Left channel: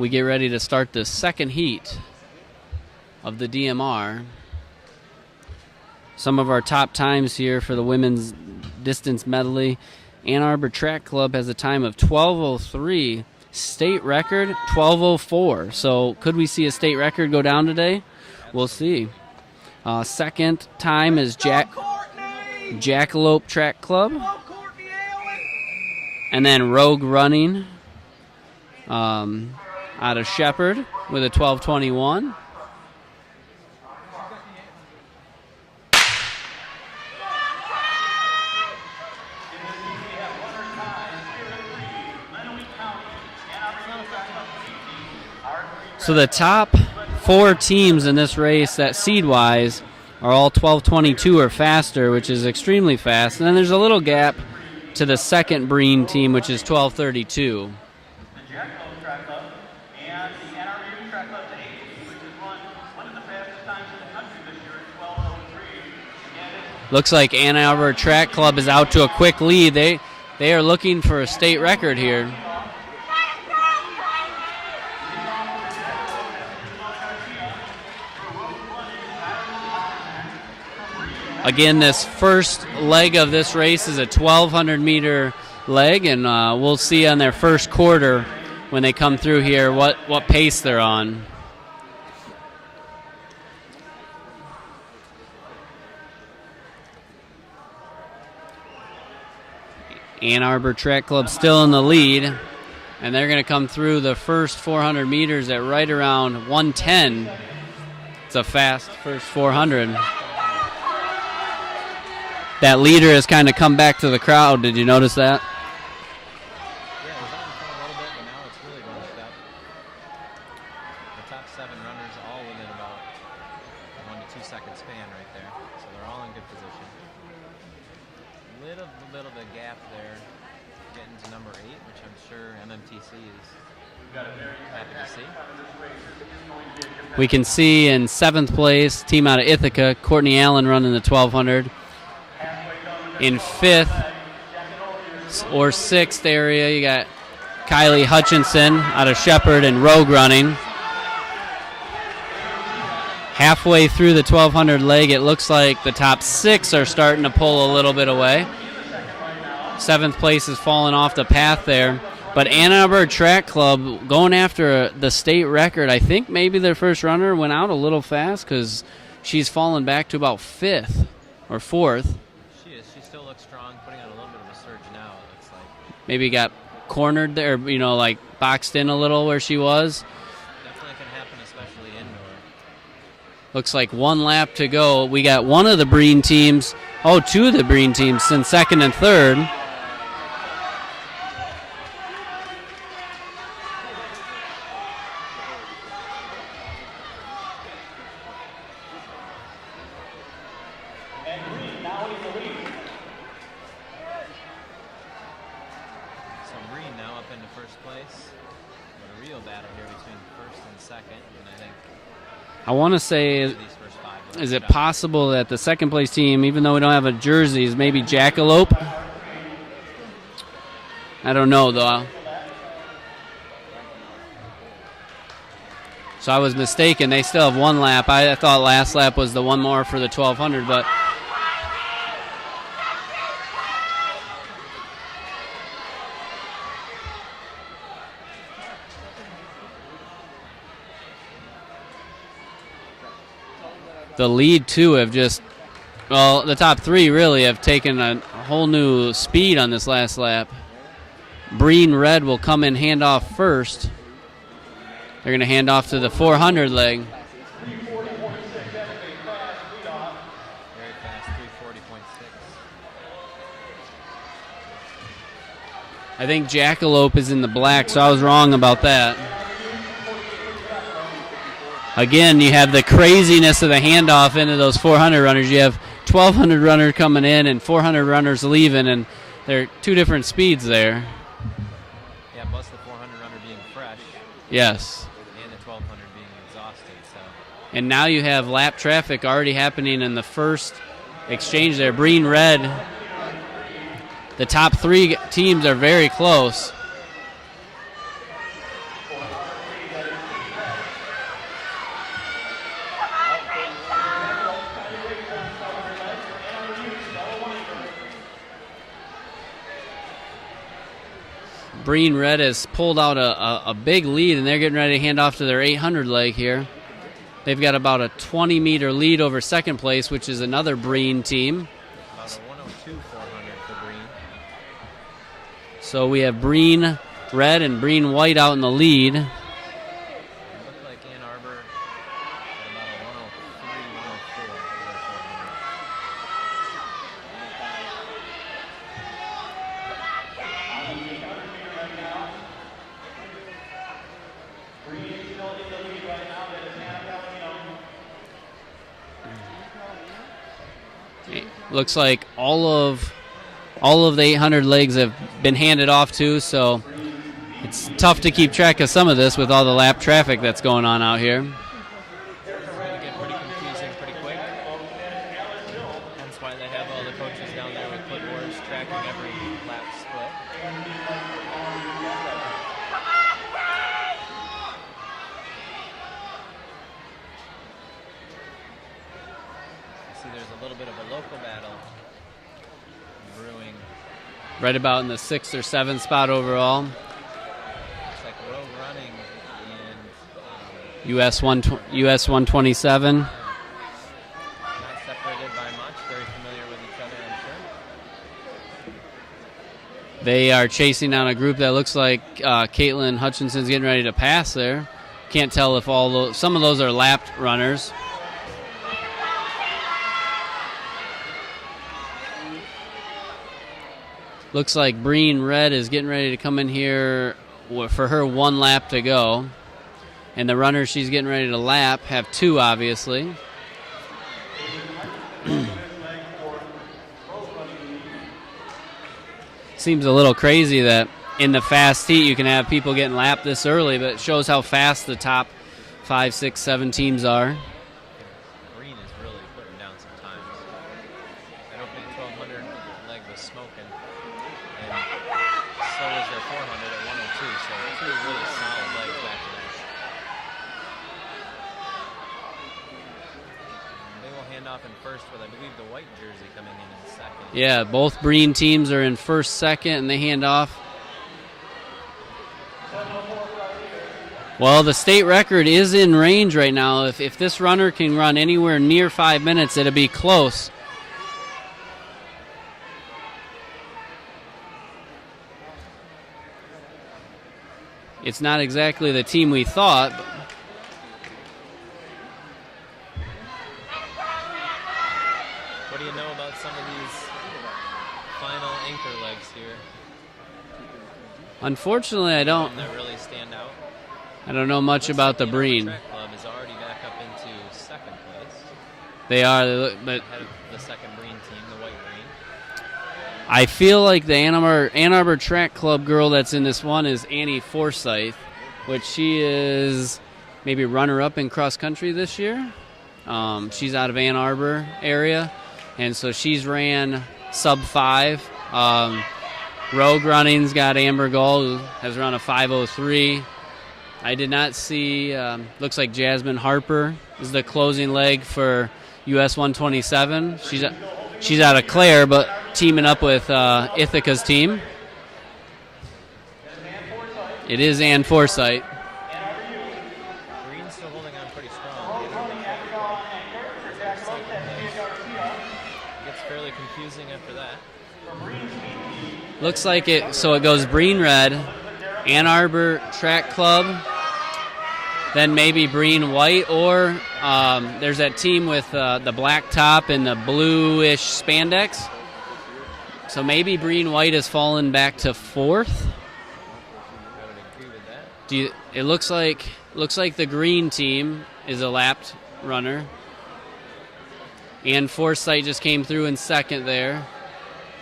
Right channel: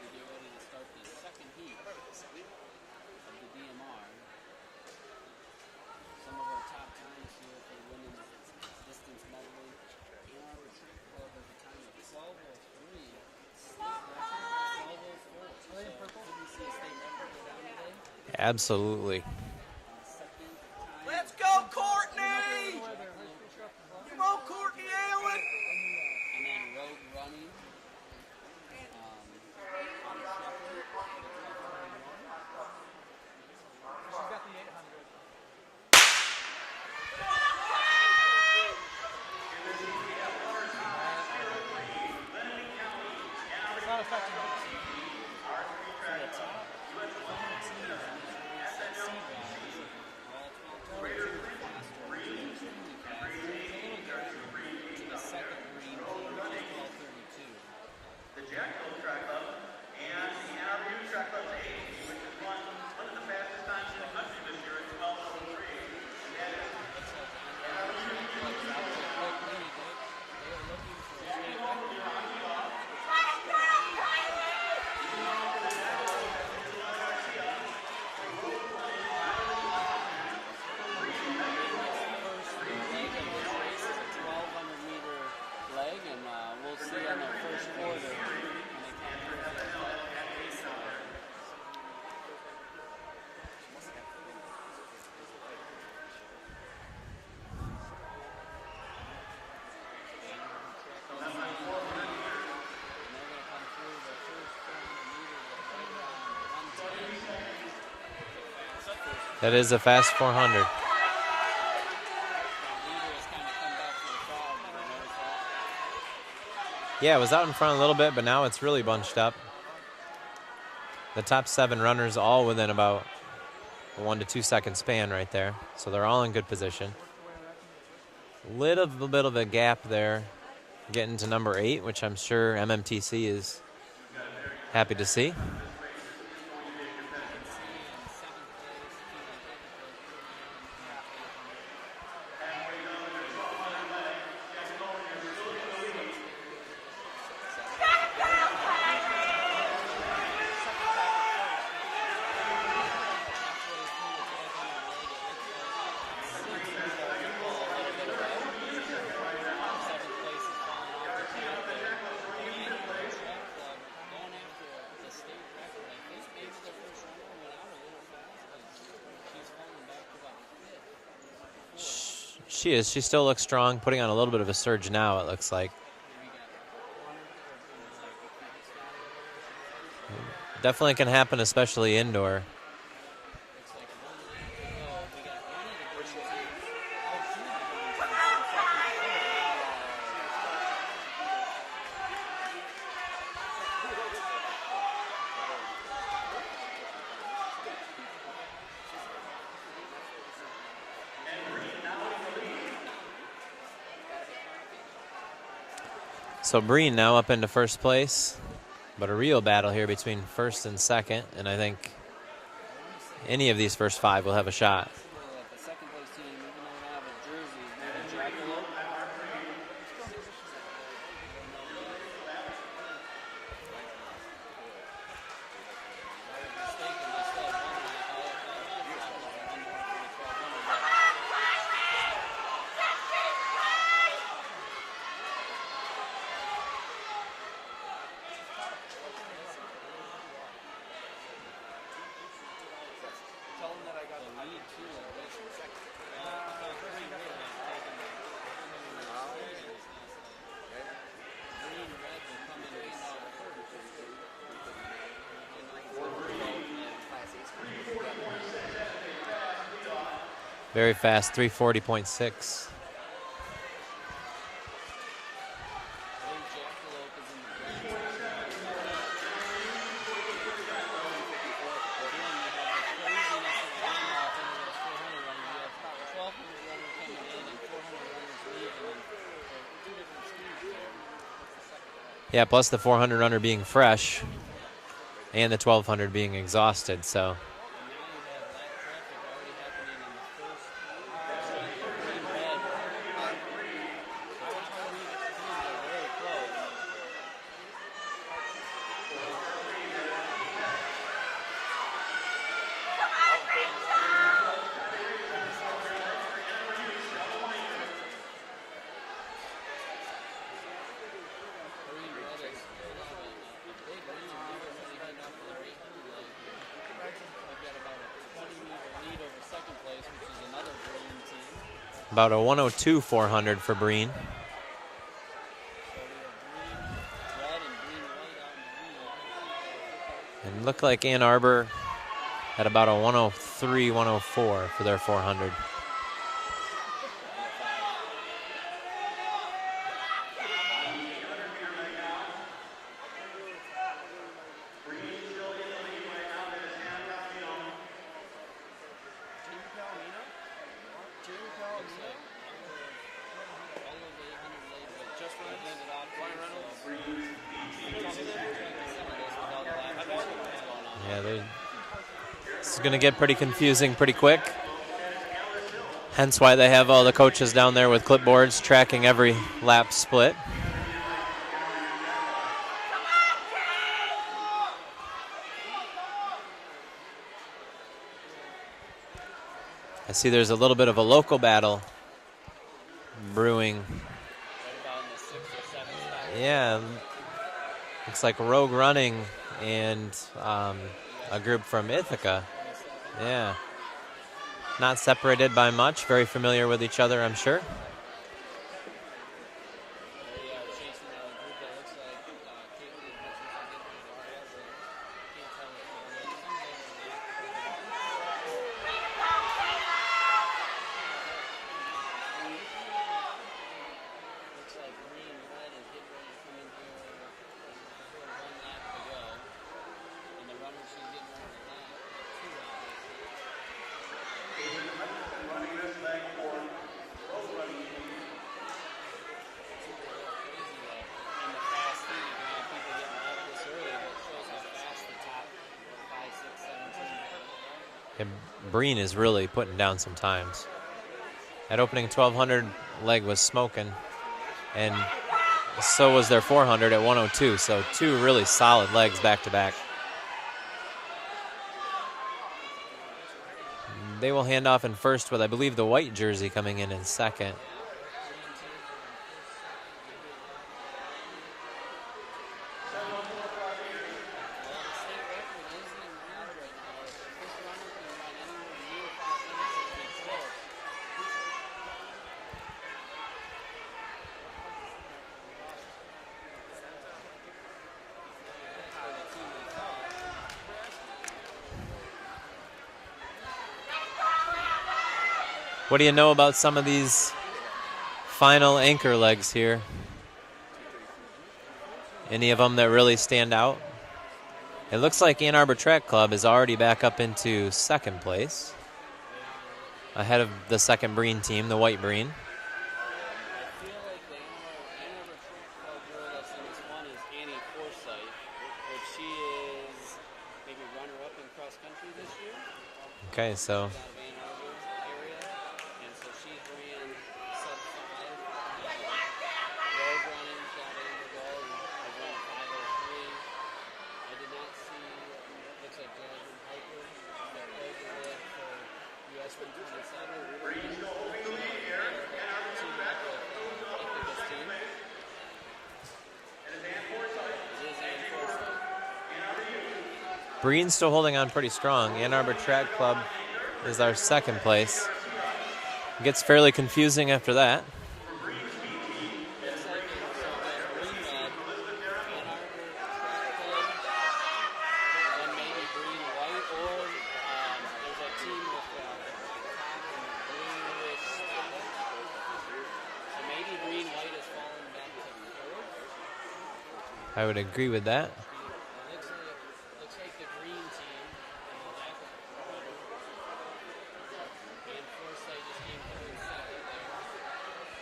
we get ready to start the second heat of the DMR. Some of our top times here for the women's distance medley. Ann Arbor Track Club has a time of 12:03. State record 12:04. So could we see a state record go down today? Absolutely. We'll see. Second time is Jackalope Track Club. And then Rogue Running out of Shepherd with a 12:21. So the top 4 teams in this race that seed-wise are all 12:22 or faster, which is extremely fast. And then there's a little gap to the second Breen team, which is 12:32. Looks like Ann Arbor Track Club is out to a quick lead. They are looking for a state record here. Again, this first leg of this race is a 1,200-meter leg, and we'll see on their first quarter when they come through here what pace they're on. Ann Arbor Track Club still in the lead, and they're going to come through the first 400 meters at right around 1:10. It's a fast first 400. It is a fast 400. That leader has kind of come back to the crowd. Did you notice that? Yeah, it was out in front a little bit, but now it's really bunched up. The top 7 runners all within about a 1 to 2 second span right there. So they're all in good position. Little bit of a gap there getting to number 8, which I'm sure MMTC is happy to see. We can see in 7th place, team out of Ithaca, Courtney Allen running the 1,200. In 5th or 6th area, you got Kylie Hutchinson out of Shepherd and Rogue running. Halfway through the 1,200 leg, it looks like the top 6 are starting to pull a little bit away. 7th place is falling off the path there. But Ann Arbor Track Club going after the state record. I think maybe their first runner went out a little fast because she's fallen back to about 5th or 4th. She is. She still looks strong, putting on a little bit of a surge now, it looks like. Maybe got cornered there, like boxed in a little where she was. Definitely can happen, especially indoor. Looks like 1 lap to go. We got one of the Breen teams, 2 of the Breen teams in 2nd and 3rd. So Breen now up into 1st place, but a real battle here between 1st and 2nd, and I think I want to say any of these first 5 will have a shot. Is it possible that the 2nd place team, even though we don't have a jersey, is maybe Jackalope? I don't know, though. So I was mistaken. They still have 1 lap. I thought last lap was the one more for the 1,200, but the lead 2 have the top 3 really have taken a whole new speed on this last lap. Breen Red will come in hand off first. They're going to hand off to the 400 leg. Very fast, 340.6. I think Jackalope is in the black, so I was wrong about that. Again, you have the craziness of the handoff into those 400 runners. You have 1,200 runner coming in and 400 runners leaving, and they're 2 different speeds there. Yeah, plus the 400 runner being fresh. Yes. And the 1,200 being exhausted, so. And now you have lap traffic already happening in the first exchange there. Breen Red, the top 3 teams are very close. Breen Red has pulled out a big lead, and they're getting ready to hand off to their 800 leg here. They've got about a 20-meter lead over second place, which is another Breen team. About a 102 400 for Breen. So we have Breen Red and Breen White out in the lead. It looked like Ann Arbor had about a 103 104 for their 400. Looks like all of the 800 legs have been handed off to, so it's tough to keep track of some of this with all the lap traffic that's going on out here. It's going to get pretty confusing pretty quick. Hence why they have all the coaches down there with clipboards tracking every lap split. I see there's a little bit of a local battle brewing. Right about in the 6th or 7th spot overall. Yeah. Looks like Rogue Running and US 127. Yeah. Not separated by much. Very familiar with each other, I'm sure. They are chasing down a group that looks like Caitlin Hutchinson's getting ready to pass there. Can't tell if some of those are lapped runners. Looks like Breen Red is getting ready to come in here for her 1 lap to go. And the runners she's getting ready to lap have 2, obviously. Seems a little crazy that in the fast heat you can have people getting lapped this early, but it shows how fast the top 5, 6, 7 teams are. And Breen is really putting down some times. That opening 1200 leg was smoking. And so was their 400 at 102. So 2 really solid legs back to back. They will hand off in first with, I believe, the white jersey coming in second. Yeah, both Breen teams are in first, second, and they hand off. Well, the state record is in range right now. If this runner can run anywhere near 5 minutes, it'll be close. It's not exactly the team we thought. What do you know about some of these final anchor legs here? Unfortunately, Any of them that really stand out? I don't know much about the Ann Arbor Breen. Track Club is already back up into second place. They are. But ahead of the second Breen team, the white Breen. I feel like the Ann Arbor Track Club girl that's in this one is Annie Forsyth, which she is maybe runner-up in cross-country this year. Okay, She's out of Ann Arbor area, and so she's ran sub-5. Rogue Running's got Amber Gull, who has run a 5:03. I did not see, looks like Jasmine Harper is the closing leg for US 127. She's out of Clare, but teaming up with Ithaca's team. It is Ann Forsyth. Breen's still holding on pretty strong. Ann Arbor Track Club is our second place. It gets fairly confusing after that. Looks like it, so it goes Breen Red, Ann Arbor Track Club, then maybe Breen White, or there's that team with the black top and the bluish spandex. So maybe Breen White has fallen back to 4th. I would agree with that. It looks like the green team is a lapped runner. And Forsyth just came through in second there.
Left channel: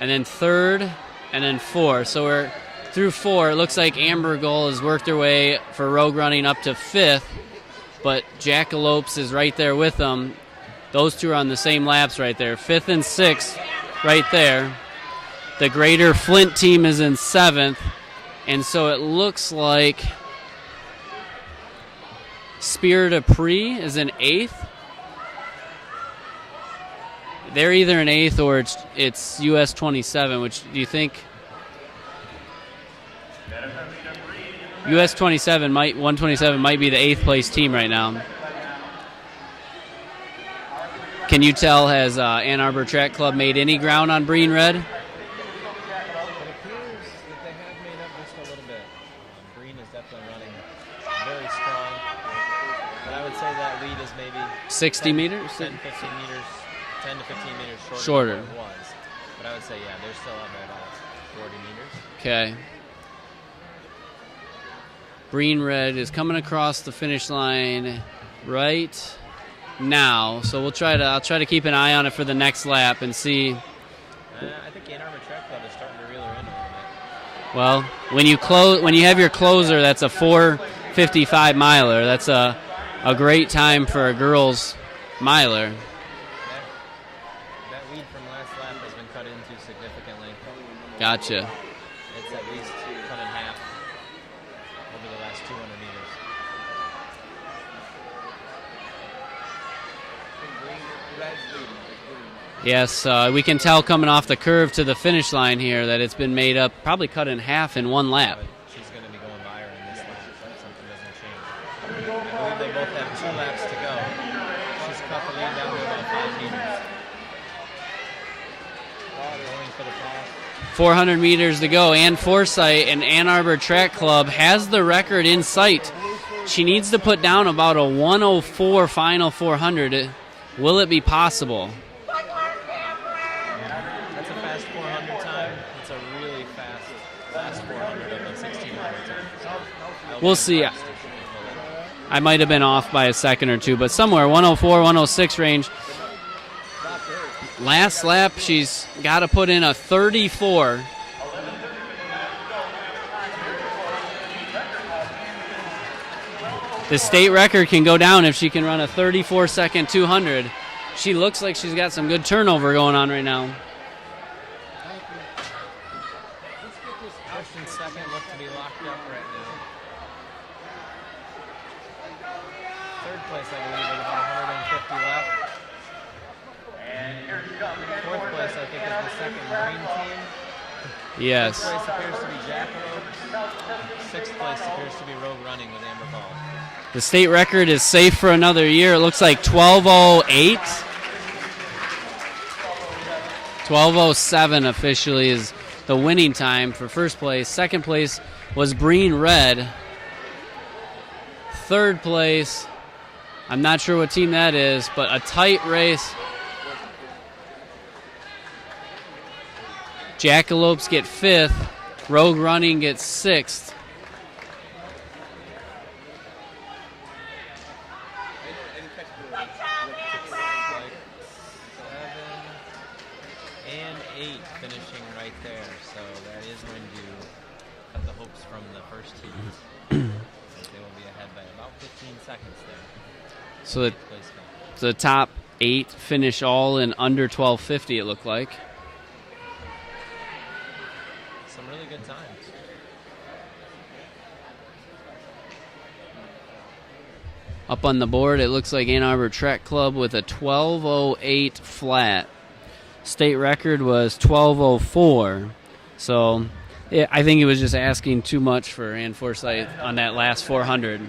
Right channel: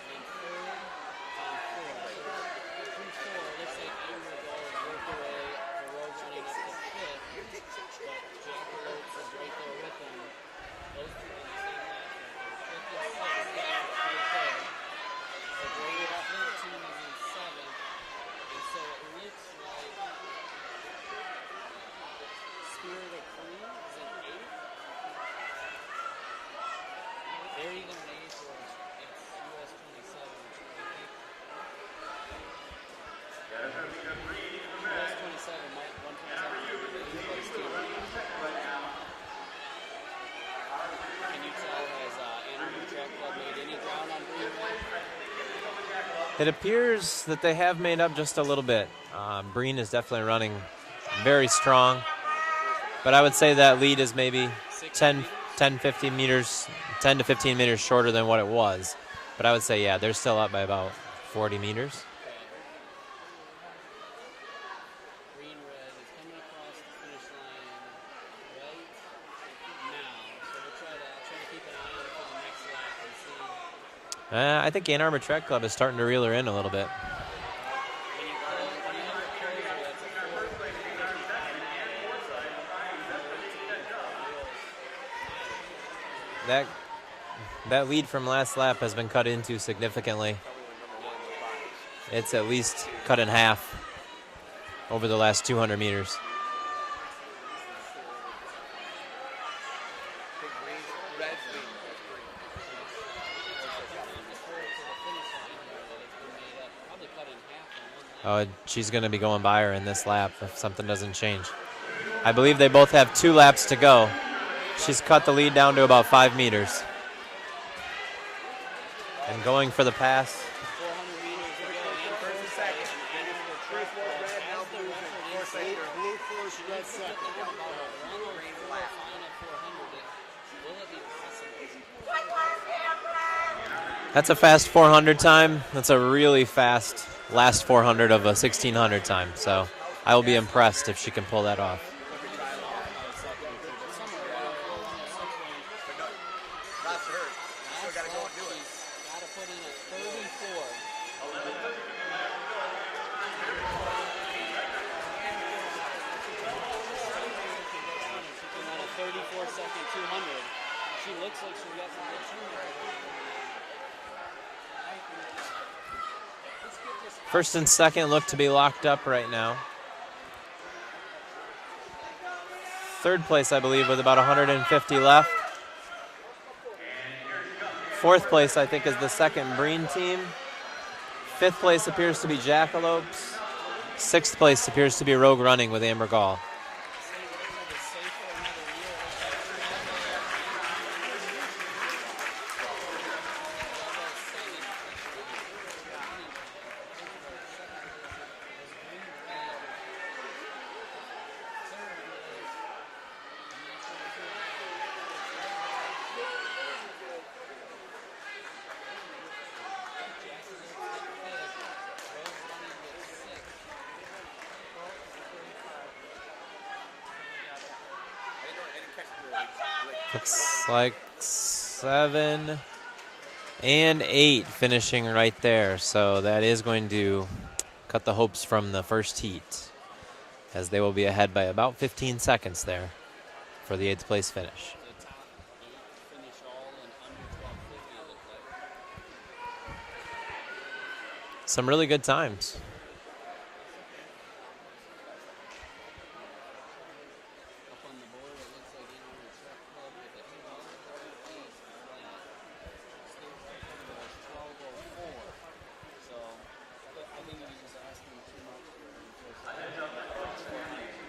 And then 3rd, and then 4th. So we're through 4. It looks like Amber Gull has worked her way for Rogue Running up to 5th. But Jackalopes is right there with them. Those two are on the same laps right there. 5th and 6th right there. The Greater Flint team is in 7th. And so it looks like Spirit of Pre is in 8th. They're either in 8th or it's US 27, which do you think? US 127 might be the 8th place team right now. Can you tell, has Ann Arbor Track Club made any ground on Breen Red? It appears that they have made up just a little bit. Breen is definitely running very strong, but I would say that lead is maybe 60 meters? 10 to 15 meters shorter than what it was. But I would say, yeah, they're still up by about 40 meters. Okay. Breen Red is coming across the finish line right now, so I'll try to keep an eye on it for the next lap and see. I think Ann Arbor Track Club is starting to reel her in a little bit. Well, when you have your closer, that's a 4:55 miler. That's a great time for a girls miler. That lead from last lap has been cut into significantly. Gotcha. It's at least cut in half over the last 200 meters. Yes, we can tell coming off the curve to the finish line here that it's been made up, probably cut in half in one lap. Oh, she's going to be going by her in this lap if something doesn't change. I believe they both have 2 laps to go. She's cut the lead down to about 5 meters. And going for the pass. 400 meters to go. Ann Forsythe and Ann Arbor Track Club has the record in sight. She needs to put down about a 104 final 400. Will it be possible? That's a fast 400 time. That's a really fast last 400 of a 1600 time. So I will be impressed if she can pull that off. I might have been off by a second or two, but somewhere 104, 106 range. Last lap, she's got to put in a 34. The state record can go down if she can run a 34-second 200. She looks like she's got some good turnover going on right now. First and second look to be locked up right now. Third place, I believe, with about 150 left. Fourth place, I think, is the second Breen team. Yes. Fifth place appears to be Jackalopes. Sixth place appears to be Rogue Running with Amber Gall. The state record is safe for another year. It looks like 12:08. 12:07 officially is the winning time for first place. Second place was Breen Red. Third place, I'm not sure what team that is, but a tight race. Jackalopes get fifth. Rogue Running gets sixth. Looks like 7 and 8 finishing right there. So that is going to cut the hopes from the first heat as they will be ahead by about 15 seconds there for the 8th place finish. So the top 8 finish all in under 12:50, it looked like. Some really good times. Up on the board, it looks like Ann Arbor Track Club with a 12:08 flat. State record was 12:04. So yeah, I think he was just asking too much for Ann Forsythe on that last 400.